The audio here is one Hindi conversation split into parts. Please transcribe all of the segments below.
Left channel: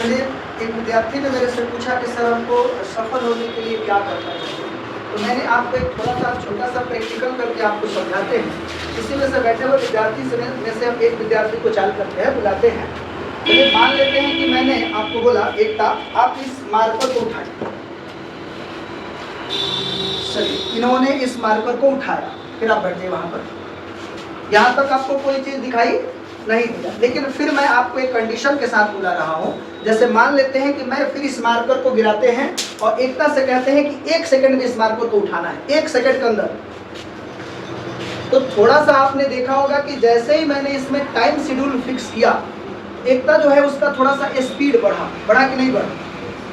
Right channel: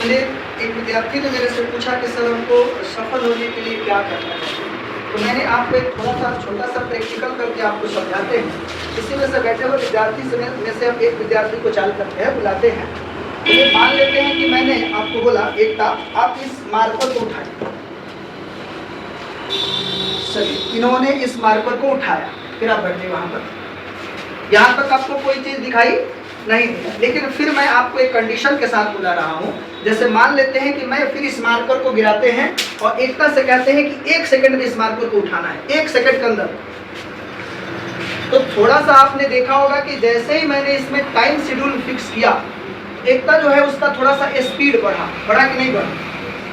चलिए, एक विद्यार्थी ने मेरे से पूछा कि सर हमको सफल होने के लिए क्या करना है। तो मैंने आपको एक थोड़ा सा छोटा सा प्रैक्टिकल करके आपको समझाते हैं। इसी में से बैठे हुए विद्यार्थी में से हम एक विद्यार्थी को चाल करके है बुलाते हैं। तो मान लेते हैं कि मैंने आपको बोला एकता, आप इस मार्कर को उठाइए। चलिए, इन्होंने इस मार्कर को उठाया, फिर आप बैठे वहां पर। यहाँ तक आपको कोई चीज दिखाई नहीं दिया, लेकिन फिर मैं आपको एक कंडीशन के साथ बुला रहा हूँ। जैसे मान लेते हैं कि मैं फिर इस मार्कर को गिराते हैं और एकता से कहते हैं कि 1 सेकंड में इस मार्कर को उठाना है, 1 सेकंड के अंदर। तो थोड़ा सा आपने देखा होगा कि जैसे ही मैंने इसमें टाइम शेड्यूल फिक्स किया, एकता जो है उसका थोड़ा सा स्पीड बढ़ा कि नहीं बढ़ा।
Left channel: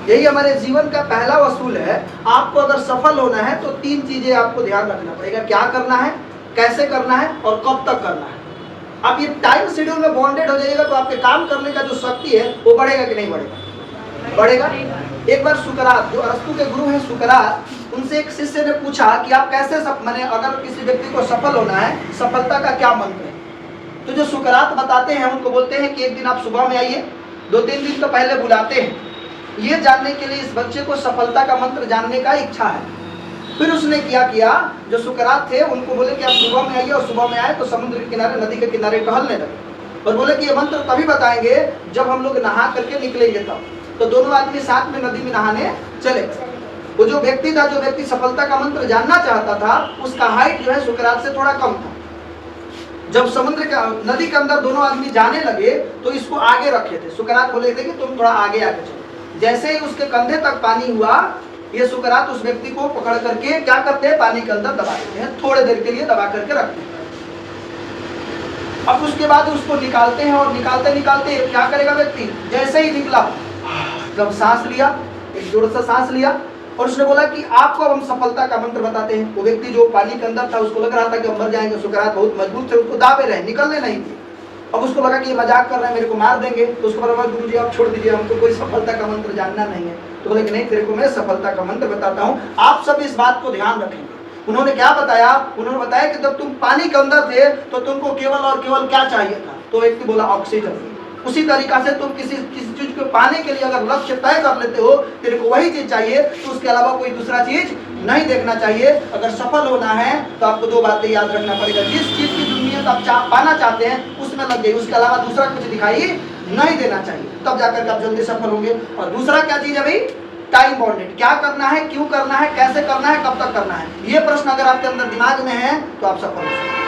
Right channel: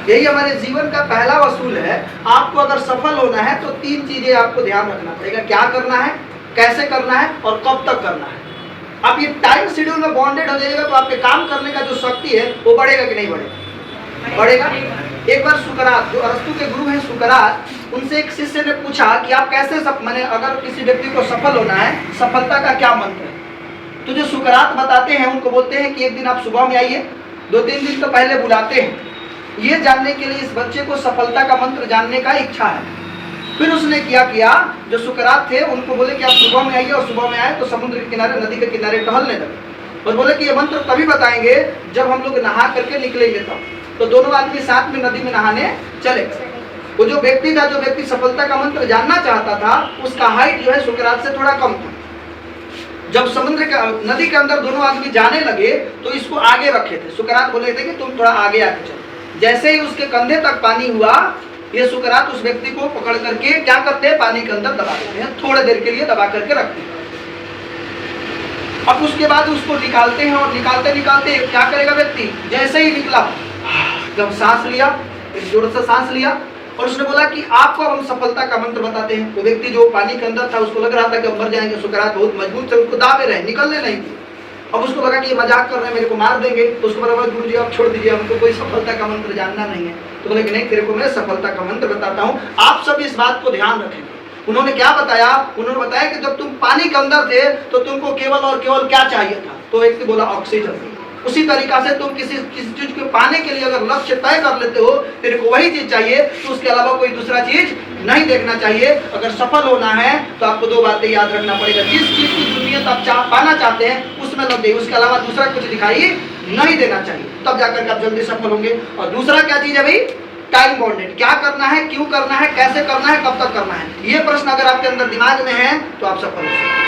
यही हमारे जीवन का पहला असूल है। आपको अगर सफल होना है तो 3 चीजें आपको ध्यान रखना पड़ेगा। क्या करना है, कैसे करना है और कब तक करना है। आप ये टाइम शेड्यूल में बॉन्डेड हो जाएगा तो आपके काम करने का जो शक्ति है वो बढ़ेगा कि नहीं बढ़ेगा? बढ़ेगा। एक बार सुकरात, जो अरस्तु के गुरु हैं सुकरात, उनसे एक शिष्य ने पूछा कि आप कैसे मैंने अगर किसी व्यक्ति को सफल होना है, सफलता का क्या मंत्र है? तो जो सुकरात बताते हैं उनको बोलते हैं कि एक दिन आप सुबह में आइए, 2-3 दिन तो पहले बुलाते हैं, ये जानने के लिए इस बच्चे को सफलता का मंत्र जानने का इच्छा है। फिर उसने क्या किया, जो सुकरात थे उनको बोले कि आप सुबह में आइए, और सुबह में आए तो समुद्र के किनारे, नदी के किनारे टहलने लगे और बोले कि ये मंत्र तभी बताएंगे जब हम लोग नहा करके निकलेंगे तब। तो दोनों आदमी साथ में नदी में नहाने चले गए। वो जो व्यक्ति था, जो व्यक्ति सफलता का मंत्र जानना चाहता था, उसका हाइट जो है सुकरात से थोड़ा कम था। जब समुद्र का नदी के अंदर दोनों आदमी जाने लगे तो इसको आगे रखे थे। सुकरात बोले थे कि तुम थोड़ा आगे आगे चलो। जैसे ही उसके कंधे तक पानी हुआ, ये सुकरात उस व्यक्ति को पकड़ करके क्या करते हैं, पानी के अंदर दबा देते हैं, थोड़ी देर के लिए दबा करके रखते हैं। अब उसके बाद उसको निकालते हैं और निकालते निकालते क्या करेगा व्यक्ति, जैसे ही निकला, जब सांस लिया, एक जोर से सांस लिया और उसने बोला कि आपको अब हम सफलता का मंत्र बताते हैं। वो व्यक्ति जो पानी के अंदर था उसको लग रहा था कि हम मर जाएंगे। सुकरात बहुत मजबूत थे, उसको दाबे रहे, निकलने नहीं दिए। अब उसको लगा कि ये मजाक कर रहे हैं, मेरे को मार देंगे। तो उसको बोला गुरु जी आप छोड़ दीजिए, हमको कोई सफलता का मंत्र जानना नहीं है। तो बोले कि नहीं, तेरे को मैं सफलता का मंत्र बताता हूँ, आप सब इस बात को ध्यान रखेंगे। उन्होंने क्या बताया, उन्होंने बताया कि जब तुम पानी के अंदर थे तो तुमको केवल और केवल क्या चाहिए था? तो व्यक्ति बोला ऑक्सीजन। उसी तरीका से तुम किसी चीज को पाने के लिए अगर लक्ष्य तय कर लेते हो, तेरे को वही चीज चाहिए, तो उसके अलावा कोई दूसरा चीज नहीं देखना चाहिए। अगर सफल होना है तो आपको 2 बातें याद रखना पड़ेगा। जिस चीज की दुनिया आप पाना चाहते हैं उसमें लग जाइए, उसके अलावा दूसरा कुछ दिखाई नहीं देना चाहिए, तब जाकर के आप जल्दी सफल होंगे। और दूसरा क्या चीज है भाई, टाइम बॉन्डेड। क्या करना है, क्यों करना है, कैसे करना है, कब तक करना है, ये प्रश्न अगर आपके अंदर दिमाग में है तो आप सफल हो सकते हैं।